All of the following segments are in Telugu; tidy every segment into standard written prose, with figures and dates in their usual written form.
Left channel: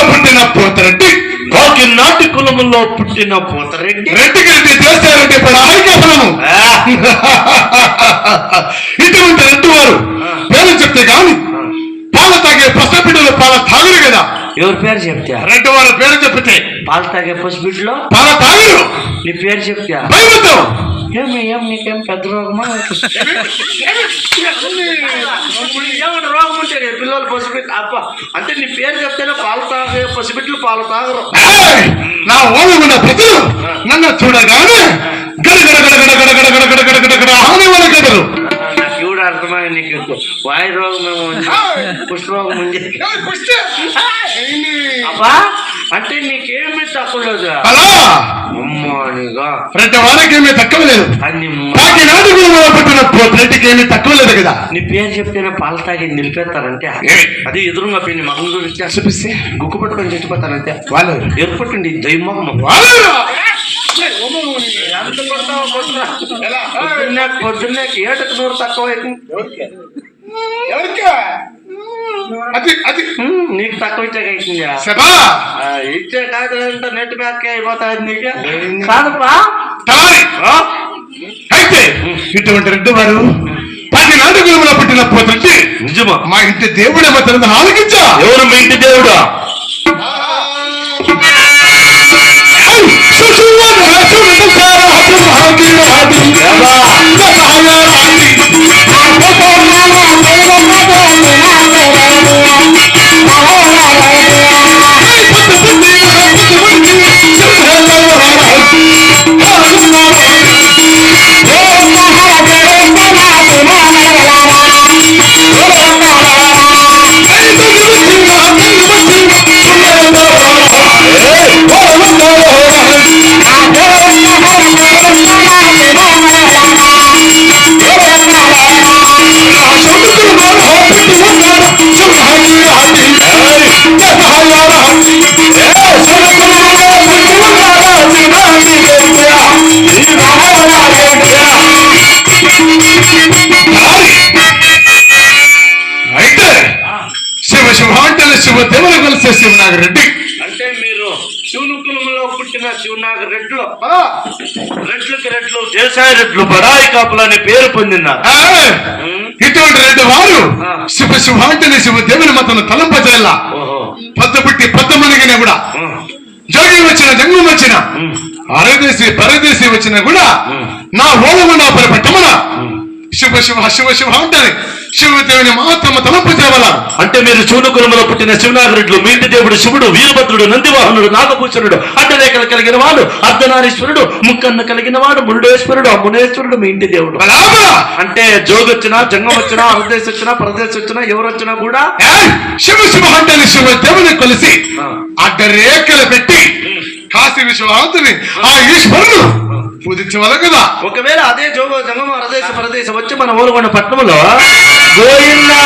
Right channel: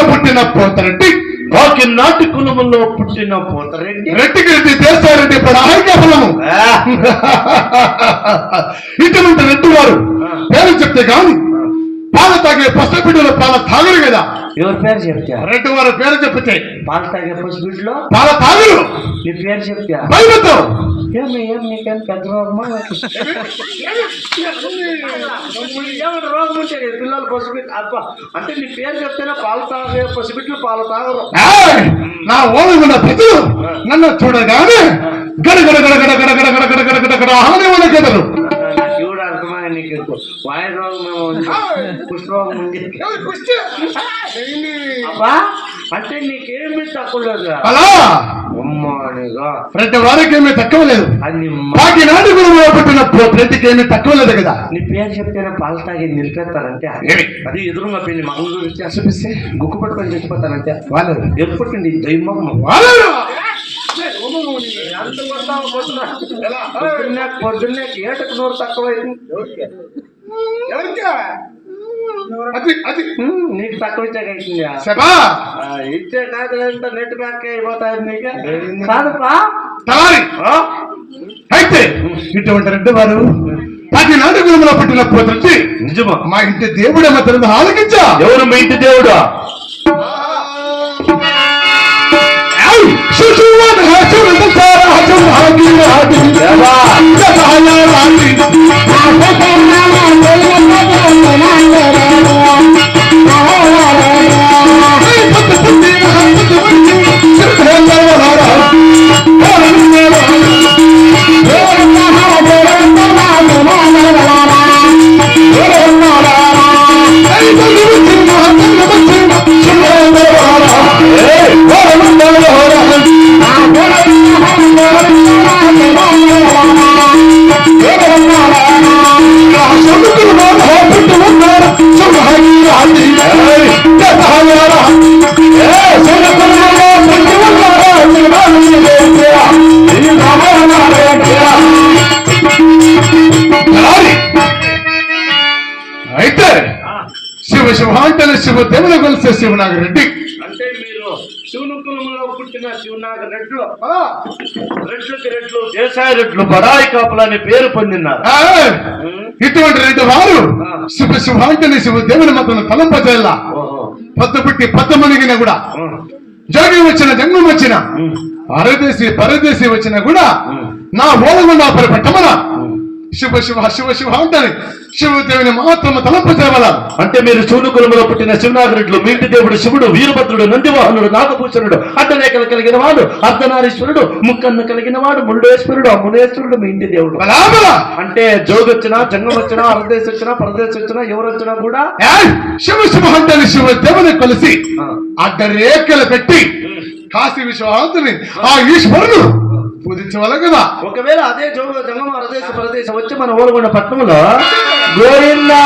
కులములో పుట్టిన పోతరెడ్డి, కాకినాటి కులములో పుట్టిన పోతరెడ్డి, రెడ్డికి రెడ్డి చేస్తారెడ్డి పడాయిక ఫలము. ఇటువంటి రెడ్డి వారు పేరు చెప్తే గాని పాలు తాగే పసిబిడ్డలు పాల తాగరు కదా. ఎవరి పేరు చెప్తా? రెడ్డి వారి పేరు చెప్తే పాలు తాగే పసిబిడ్డలో పాల తాగరు. నీ పేరు చెప్తా? భయపడతావు. ఏం నీకేం పెద్ద రోగమా? రోగం ఉంటే పిల్లలు పసిబిడ్డ అబ్బా అంటే నీ పేరు చెప్తేనే పాలు తాగే పసిబిడ్డలు పాలు తాగరు. నా ఓడుకున్న ప్రజలు నన్ను చూడగానే గడగడ గడగడ గడగడ గడగడ గడగడ గడ ఆనే వాళ్ళ కదరు. శివుడు అర్థమై నీకు వాయు రోగం కుష్ఠ రోగం ఉంది. అబ్బా అంటే నీకేమి తక్కువ లేదు. అలా అమ్మనిగా ప్రతి వారికి ఏమీ తక్కువ లేదు. కాకినాటి గురువులో పుట్టిన రెడ్డికి ఏమీ తక్కువ లేదు కదా. నీ పేరు చెప్తేనే పాలు తాగి నిలిపేస్తారంటే అది ఎదురుగా పోయి మగం గురించి చూపిస్తే గుక్కు పట్టుకొని చచ్చిపోతానంటే వాళ్ళు ఏర్పట్టుండి దైవమగం పొద్దున్నే ఏటకు నూరు తక్కువ నీకు తక్కువ ఇచ్చే కాదులంటే నెట్ బ్యాక్ అయిపోతుంది నీకు కాదప్పా. అయితే ఇటువంటి రెడ్డి వారు కాకినాటి గురువులో పుట్టిన పోతరెడ్డి నిజమా? మా ఇంటి దేవుడే మాత్రం ఆలోచించా. ఎవరు మీ ఇంటి దేవుడా? శివదేవులు కలిసే శివనాగరెడ్డి. అంటే మీరు శివుని కులంలో పుట్టిన శివనాగరెడ్లు రెడ్లకి రెడ్లు దేశాయి రెడ్లు బడాయి కాపులు అని పేరు పొందినారు. ఇటువంటి రెడ్డి వారు శివంటని శివదేవుని మతను తలంపజేయాల. పొద్దు పుట్టి పొద్దు మునిగిన కూడా జోగి వచ్చిన జంగం వచ్చిన అరదేశి పరదేశి వచ్చిన కూడా నా ఓలగుండా పట్టమన శివ శివ శివ శివ అంటారు. శివదేవుని మాత్రము తలంపు చేయవాల. అంటే మీరు శివుని కులములో పుట్టిన శివనాగరెడ్లు మీ ఇంటి దేవుడు శివుడు, వీరభద్రుడు, నందివాహనుడు, నాగభూషణుడు, అడ్డరేఖలు కలిగిన వాడు, అర్ధనారీశ్వరుడు, ముక్కన్న కలిగిన వాడు, మురుడేశ్వరుడు, మునేశ్వరుడు మీ ఇంటి దేవుడు. అంటే జోగొచ్చినా జంగం వచ్చినా అర్ధదేశం వచ్చినా పరదేశం వచ్చినా ఎవరు వచ్చినా కూడా శివ శివ అంటే శివదేవుని కలిసి అడ్డరేఖలు పెట్టి కాశీ విశ్వనాథుని ఆ ఈశ్వరుడు పూజించేవాళ్ళ కదా. ఒకవేళ అదే జోగో జంగం అరదేశం పరదేశం వచ్చి మన ఊరుగొండ పట్టణంలో గోయిందా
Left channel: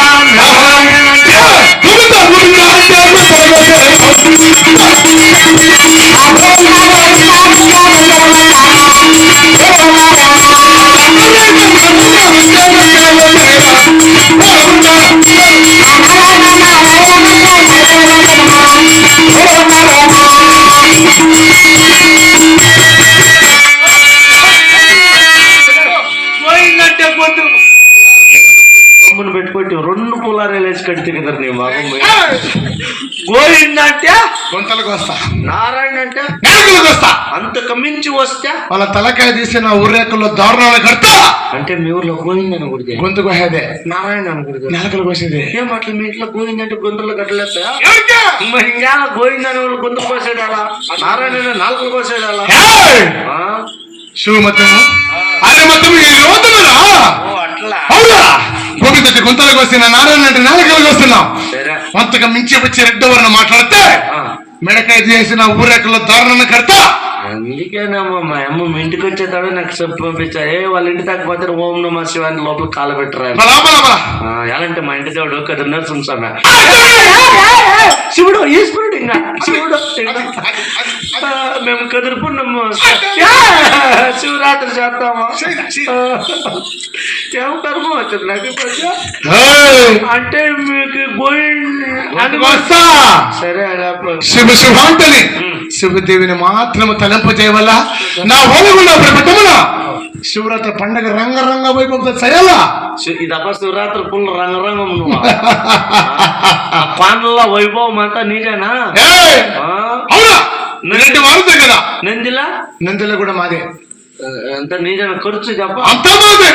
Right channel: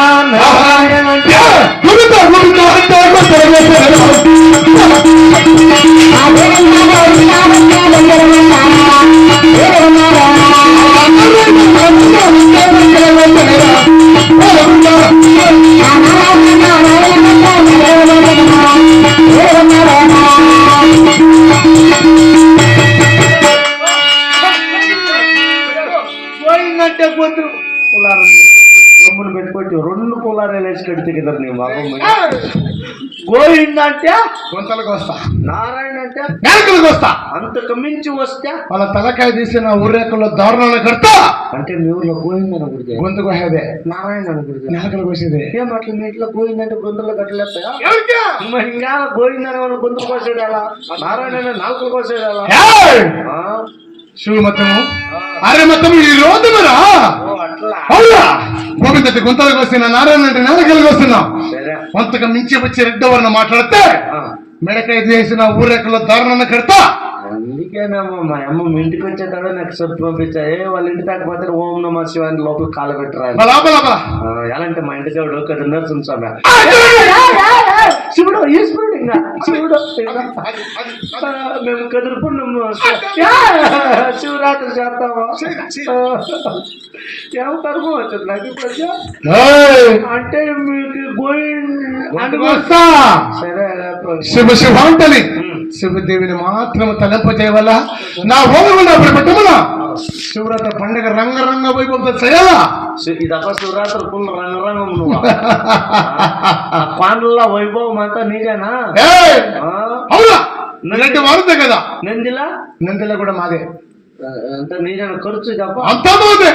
పెట్టుకోటి 2 పులారేలు వేసి కడితే కదా నీ బాబు. గోవింద అంటే గొంతలకు వస్తా, నారాయణ అంటే నేలకలకు వస్తా, అంతకు మించి వస్తే వాళ్ళ తలకాయ తీసిన ఊరేకల్లో దారుణాలు కడతా. అంటే మీ ఊర్లో గోవింద అని గుడితే గొంతు కోసేదే, నారాయణ అని గుడితే నేలకలు కోసేదే. ఏం అట్లా మీ ఇంట్లో గోవింద అంటే గొంతులు కట్టలేస్తా? మరి ఇంకా గోవింద అనే వాళ్ళు గొంతు కోసేదాలా, నారాయణ నాలుకలు కోసేదాలా? శివమతము అరే మతము ఈ రోజురా అట్లా గోవింద గొంతలకు వస్తున్నా, నారాయణ అంటే నేలకలకు వస్తున్నాం. అంతగా మించి వచ్చే రెడ్డవరణ మాట్లాడితే మెడకాయ చేసిన ఊరేకల్లో దారుణాన్ని కడతా. అందుకేనమ్మా మా అమ్మ మీ ఇంటికి వచ్చేతాడు నాకు చెప్పి పంపించా. వాళ్ళ ఇంటి తగ్గపోతే ఓం నమ శివాని లోపల కాల పెట్టరా. ఎలాంటి మా ఇంటి దేవుడు కదా నరసింహ శివుడు ఈశ్వరుడు. ఇంకా శివుడు మేము కదురుకున్నాము, శివరాత్రి చేస్తామా ఏం కర్మ వచ్చింది నాకు. అంటే మీకు వస్తా సరే శివ శివాంతని శివదేవిని మాత్రం తలంప చేయవల్ల నా ఓలగుండా పెట్టమున శివరాత్రి పండగ రంగరంగ వైభవంతో చేయాలా ఇదప్ప శివరాత్రి పుల్ రంగరంగం నువ్వు పాండ్ల వైభవం అంతా నీదేనా అవునా రెండు మారుతాయి కదా నందిలా కూడా మాదే అంత నీదేనా ఖర్చు చెప్ప అంతా మాదే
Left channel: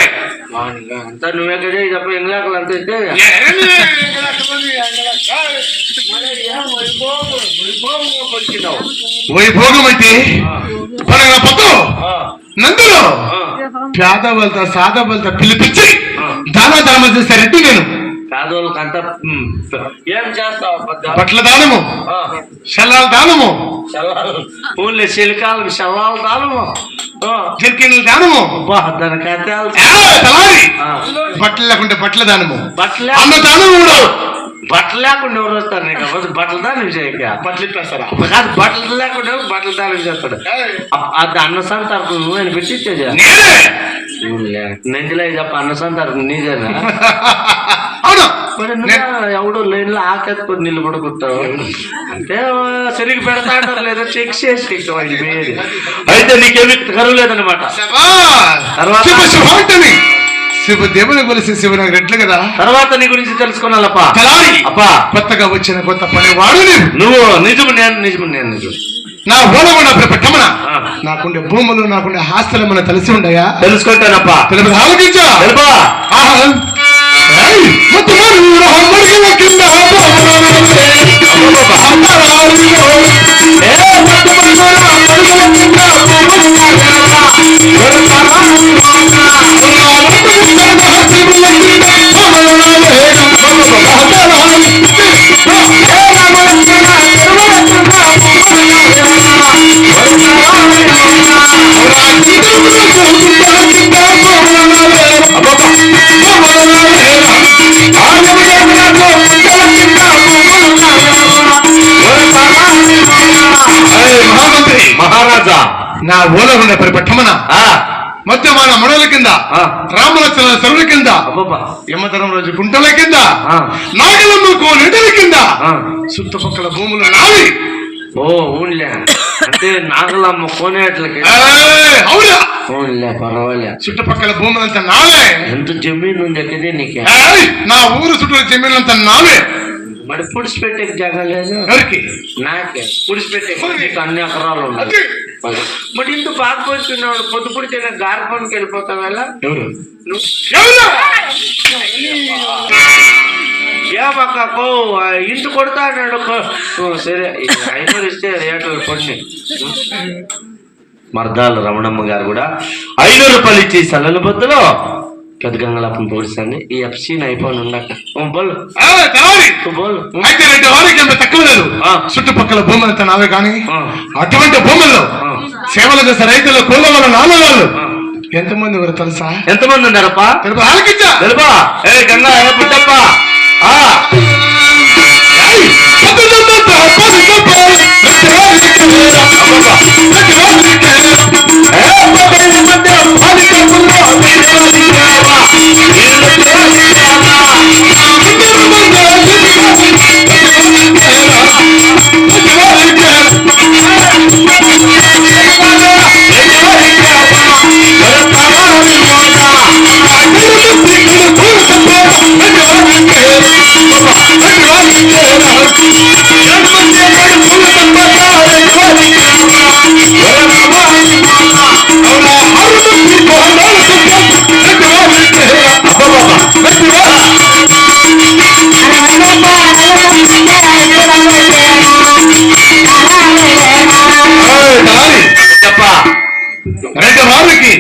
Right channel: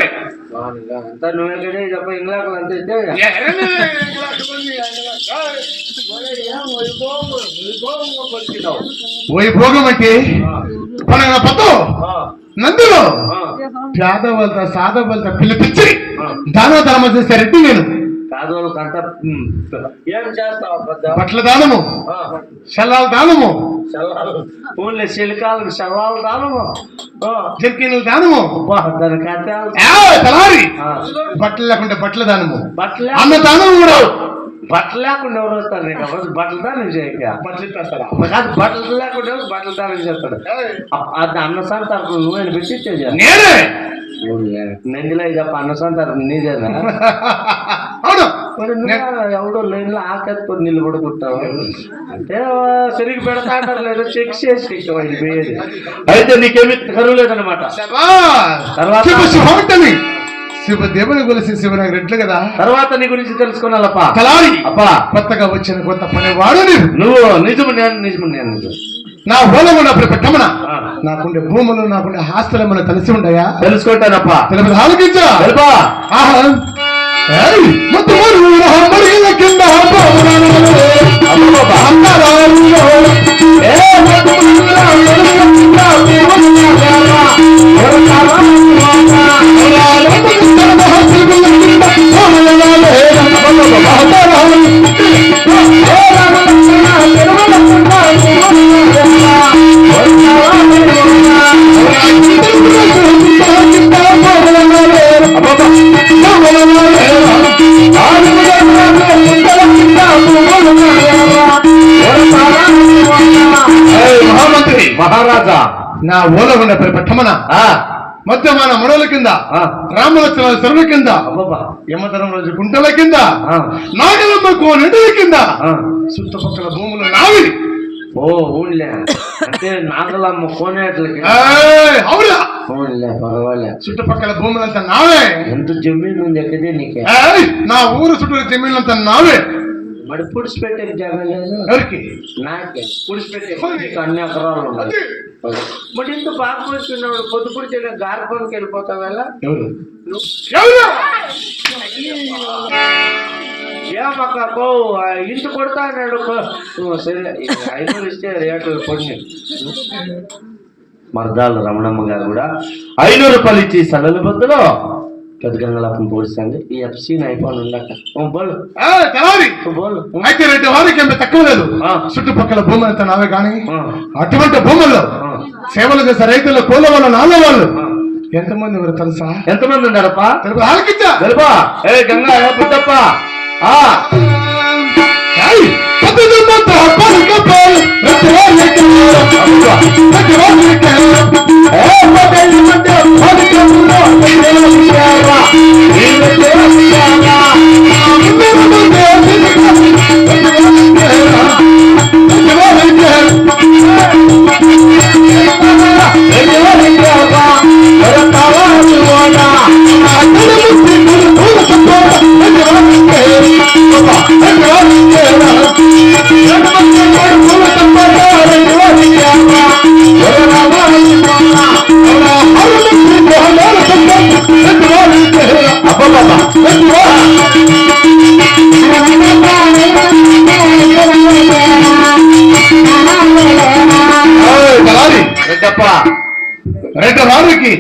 అంతా నువ్వెక్కడే చెప్ప ఇంగ్లాకలు అంత ఇస్తే వైభోగం అంటే పండగ పత్తు నందులో పేదవాళ్ళతో సాధవాళ్ళతో పిలిపించి దాన ధర్మం చేశారంటే నేను పేదవాళ్ళకి అంతా ఏం చేస్తావు బట్టల దానము శలాల దానము ఊళ్ళో శిలికాలకు శవాల దానము జర్కిన్ల దానము దాని కథ తలారి బట్టలు లేకుంటే బట్టల దానము బట్టలు అన్న దానము కూడా బట్టలు లేకుండా ఎవరు వస్తారు నీకు బట్టలు దానం చేయక బట్టలు ఇప్పేస్తారా కాదు బట్టలు లేకుండా బట్టలు దానం చేస్తాడు అది అన్న సంతర్పణ నువ్వు పెట్టించేది నేనే నందిలో చెప్ప అన్న సంతర్పణ నీదేనా ఎవడో లైన్ లో ఆకెత్తుకొని నిలబడుకుంటావు అంటే సరిగ్గా పెడతా అంటారు లేదా చెక్ చేసి పోయేది అయితే నీకేమి కరువు లేదనమాట తర్వాత శివదేవుని కొలిసి శివనగర్ రెడ్లు కదా తర్వాత నీ గురించి తెలుసుకోవాలప్పా తలారి అప్పా కొత్తగా వచ్చిన కొత్త పనివాడు నువ్వు నిజము నేను నా ఓలగొండ పెట్టమన నాకుండే భూములు నాకుండే ఆస్తులు తెలిసి ఉండయా తెలుసుకుంటానప్పా తెలుపు ఆలోచించా తెలుపా మహారాజా నా ఓలగుండ పెట్టమన మధ్యమాన ముడల కింద రామలక్ష్మణ చెరువుల కింద యమధరం రోజు గుంటల కింద నాగలమ్మ కోనెటల కింద చుట్టుపక్కల భూములు నావి ఊళ్ళే అంటే నాగలమ్మ కోనేట్లకి అవునా పర్వాలే చుట్టుపక్కల భూములంతా నావే ఎంత జమీన్ ఉంది ఎక్కడే నీకే నా ఊరు చుట్టూ జమీన్లంతా నావే మరి పుడిచిపెట్టే జాగా లేదు ఎవరికి నాకే పుడిచిపెట్టే అన్ని ఎకరాలు ఉన్నాయి మరి ఇంత పాకపోతున్నాడు పొద్దు పుడితే గారి పనికి వెళ్ళిపోతావు ఎలా ఎవరు ఏమక్కో ఇంటి కొడతా అన్నాడు సరే 500 ఇస్తే రేట్లు కొన్ని మర్దాలు రమణమ్మ గారు కూడా 500 రూపాయలు ఇచ్చి సల్లల బొద్దులో పెద్ద గంగలాపం పూడుస్తుంది ఈ ఎఫ్సీని అయిపోయి ఉండక బోలు అయితే 2 వారికి ఎంత తక్కువ లేదు చుట్టుపక్కల భూములంతా నావే కానీ అటువంటి భూముల్లో సేవలు చేసే రైతుల కూల వాళ్ళ నాన్న వాళ్ళు ఎంతమంది ఎవరు తెలుసా ఎంతమంది ఉన్నారప్పా ఆలకించా తెలుపా ఏ గంగా పుట్టప్ప వారికి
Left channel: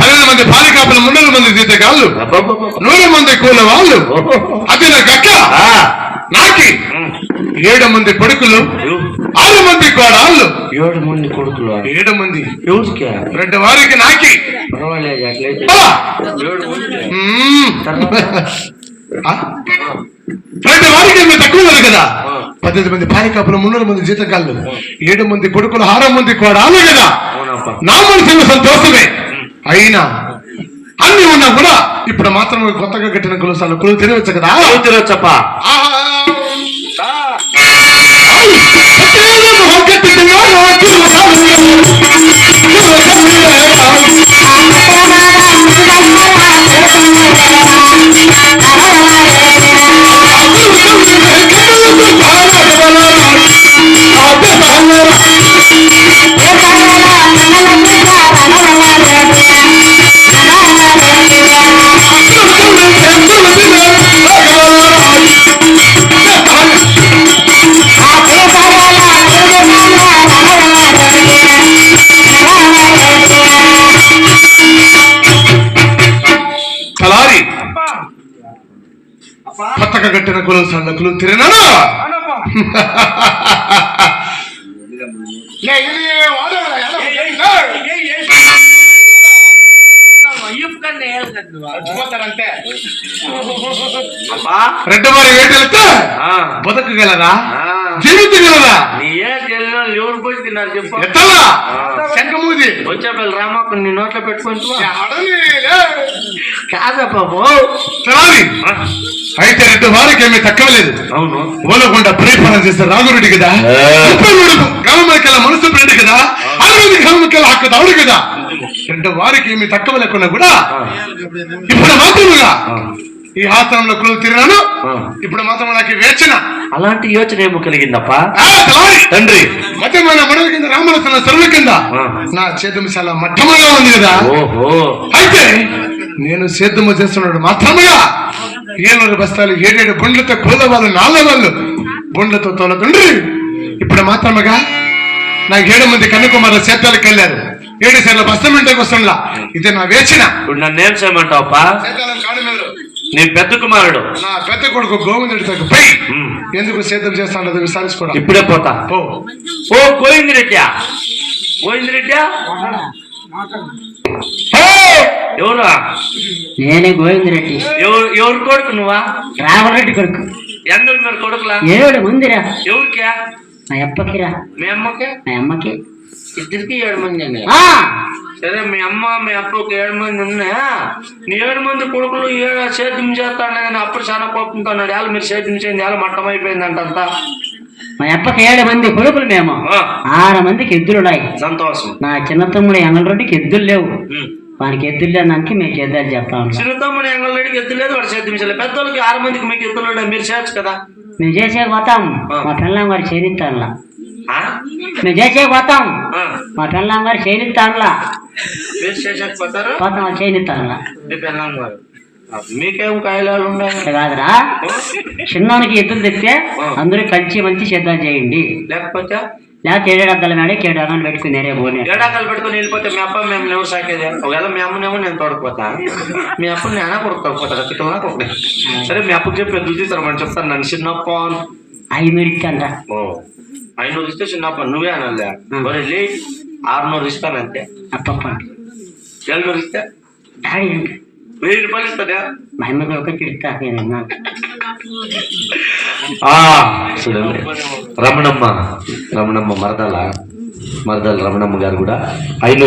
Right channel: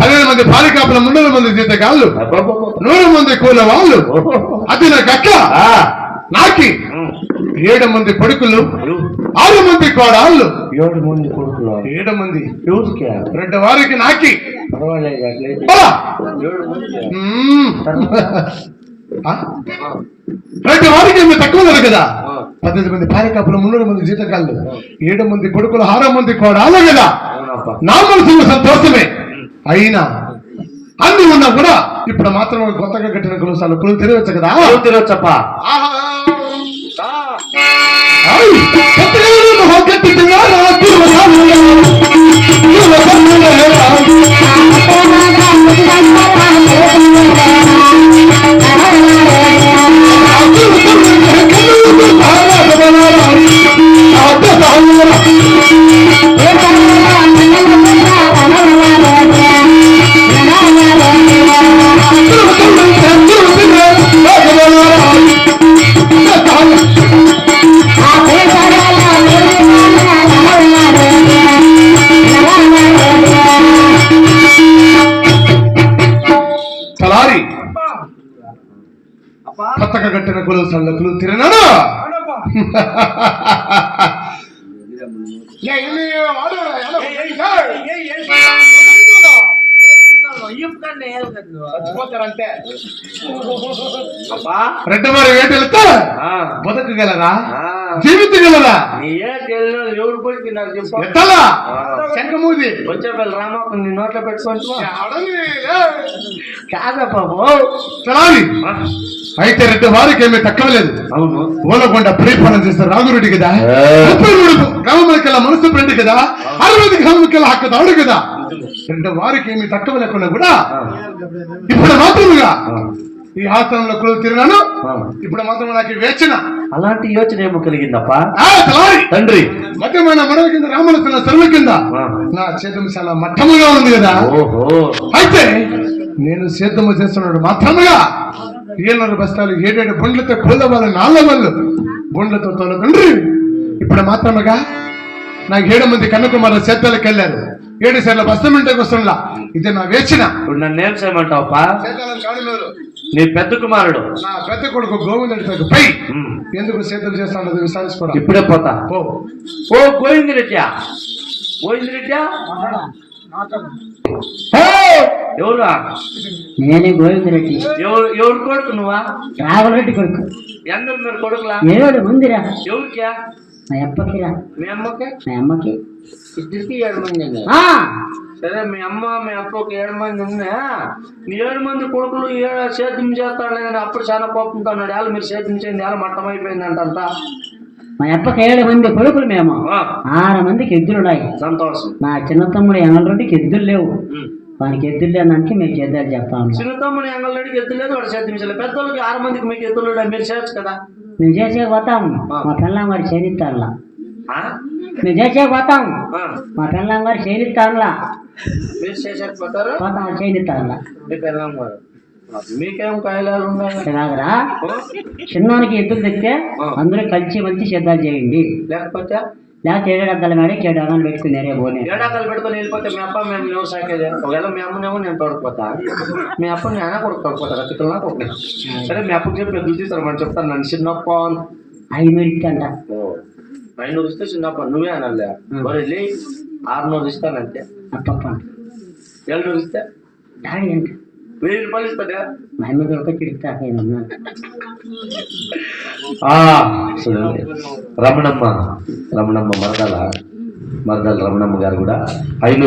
15 మంది పాలికాపుల 300 మంది జీతగాళ్ళు 100 మంది కూల వాళ్ళు అది నాకు అక్క నాకి 7 మంది కొడుకులు 6 మంది కోడాళ్ళు 7 మంది కొడుకులు 7 మంది ఎవరికి 2 వారికి నాకి పర్వాలేదు అట్లయితే 2 వారికి ఏమి తక్కువ లేదు కదా 15 మంది పాలికాపులు 300 మంది జీతగాళ్ళు 7 మంది కొడుకులు 6 మంది కోడాళ్ళు కదా నా మనసులో సంతోషమే అయినా అన్ని ఉన్నా కూడా ఇప్పుడు మాత్రం కొత్తగా కట్టిన కులసాలు కులు తిరగచ్చు కదా తిరగచ్చప్ప పతక గట్టిన కులం సళ్ళకులు తిరిగినాను. రెడ్డవారి వేటలతో బతకగలరా, జీవితగలరా? ఎవరు పోయి తిన్నారు చెప్పు. ఎత్తలా శంఖమూది వచ్చేపల్లి రామప్ప నీ నోట్లో పెట్టుకుంటూ కాదా బాబు. అయితే రెండు వారికి ఏమీ తక్కువలేదు. అవును, ఓలకొండ ప్రేపనం చేస్తే రాఘురెడ్డి కదా, గ్రామంకెళ్ళ మనసు ప్రేడి కదా, 60 గ్రామంకెళ్ళ హక్కు దావుడు కదా. రెండు వారికి ఏమి తక్కువ లేకుండా కూడా ఇప్పుడు మాత్రముగా ఈ ఆశ్రమంలో కులు తిరిగాను. ఇప్పుడు మాత్రం నాకు వేచిన అలాంటి యోచన ఏమో కలిగిందప్ప తండ్రి. మధ్యమైన మనల కింద రామలసిన సరుల కింద నా చేతుము చాలా మట్టముగా ఉంది కదా. అయితే నేను సేద్యము చేస్తున్నాడు మాత్రముగా 7 బస్తాలు 7 బండ్లతో కోలవాళ్ళు 4 వాళ్ళు బండ్లతో తోలతండ్రి. ఇప్పుడు మాత్రముగా నాకు 7 మంది కన్యాకుమారి సేద్యాలకు వెళ్ళారు. 7 సార్లు బస్తాలు ఇంటికి వస్తుండలా. ఇది నా వేచిన. ఇప్పుడు నన్ను ఏం చేయమంటావప్పా? నీ పెద్ద కుమారుడు నా పెద్ద కొడుకు గోవిందుడికి పై ఎందుకు సేద్యం చేస్తాడో విచారించుకోవడం. ఇప్పుడే పోతా. ఓ గోవిందరెడ్డి, గోవిందరెడ్డి ఎవరా? నేనే గోవిందరెడ్డి. ఎవరు కొడుకు నువ్వా? రాఘవరెడ్డి కొడుకు. ఎందరు మీరు కొడుకులా? 7 మందిరా. ఎవరికా? మా అప్పకిరా. మీ అమ్మకే? మా అమ్మకి. ఇద్దరికి 7 మంది అండి. సరే, మీ అమ్మ మీ అప్పకి 7 మంది ఉన్నా. నీ 7 మంది కొడుకులు సేద్యం చేస్తాడు కానీ అప్పుడు చాలా కోపంతో అన్నాడు. వాళ్ళు మీరు సేద్యం చేయండి, వాళ్ళు మట్టం అయిపోయిందంట అంతా. మా అప్పకి 7 మంది కొడుకులు మేము. 6 మందికి ఎద్దులు ఉన్నాయి. సంతోషం. నా చిన్న తమ్ముడు ఎంగళరెడ్డికి ఎద్దులు లేవు. వానికి ఎద్దులు లేదానికి మేము చేద్దాలు చెప్తాము. చిన్న తమ్ముడు ఎంగళరెడ్డికి ఎద్దు లేదు, వాడు సేద్యం చేయలేదు. పెద్దోళ్ళకి 6 మందికి మీకు ఎద్దులు మీరు చేయొచ్చు కదా. మేము చేసేకపోతాం. మా పిల్లం గారు చేనిస్తానులా. మేము చేసేకపోతాం. మా పిల్లం గారు చేనిస్తానులా. మీరు చేసేకపోతారు పోతాం చేనిస్తానులా. మీ పిల్లం గారు మీకేం కాయలాలు ఉన్నాయి కాదురా. చిన్నోనికి ఎద్దులు తెస్తే అందరూ కలిసి మంచి సిద్ధం చేయండి. లేకపోతే 7 అద్దాల మేడ 7 అమ్మని పెట్టుకున్నారే పోనీ. ఏడాకాలు పెట్టుకుని వెళ్ళిపోతే మీ అప్ప మేము ఎవరు సాకేది? ఒకవేళ మీ అమ్మనేమో నేను తోడకపోతా, మీ అప్ప నేను కొడుకుపోతా పిల్లలు కొడుకు. సరే, మీ అప్పకి చెప్పి ఎదురు తీస్తారని చెప్తాను. నన్ను చిన్నప్ప 500 ఇచ్చంట. 500 ఇస్తే చిన్నప్ప నువ్వే అనలే. మరి 600 ఇస్తాను అంతే. అప్పప్ప 700 ఇస్తే డాడీ అంట 1000 రూపాయలు ఇస్తాడా? మా అమ్మకి ఒక తిడతా. రమణమ్మ మరదల రమణమ్మ గారు కూడా 500